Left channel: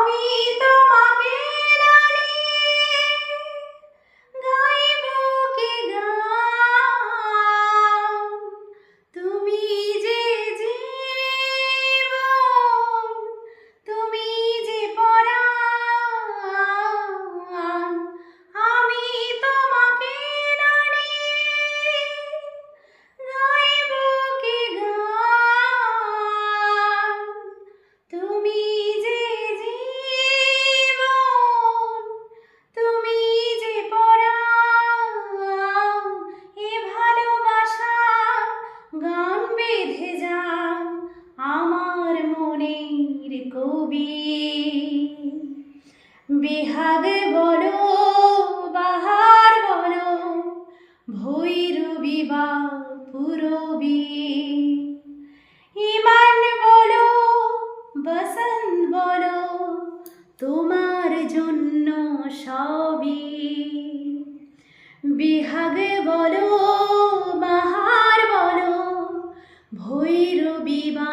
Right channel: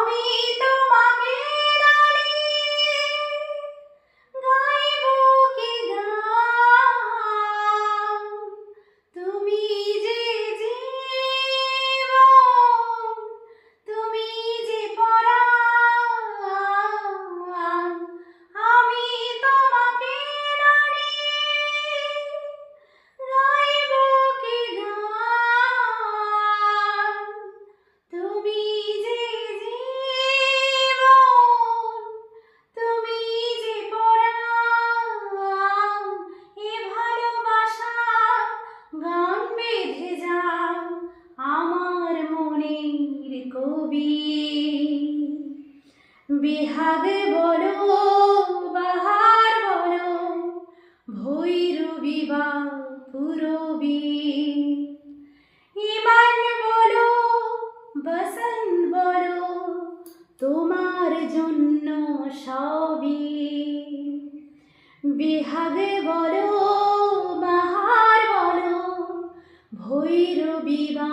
আমি তোমাকে দাঁড়িয়ে গাইব কি গান, তুমি যে জীবন, তুমি যে পরাণ। আমি তোমাকে দাঁড়িয়ে গাইব কি গান, তুমি যে জীবন, তুমি যে পরাণ। এ ভালোবাসা গান বেঁধে যায় আমার মনের কবি। বেহাগ বলো বাহার বলো, ভৈরবী বা পূরবী, ইমান বলো বসন্ত বলো, তোমার জন্য সবই। বেহাগ বলো বাহার বলো, ভৈরবী বা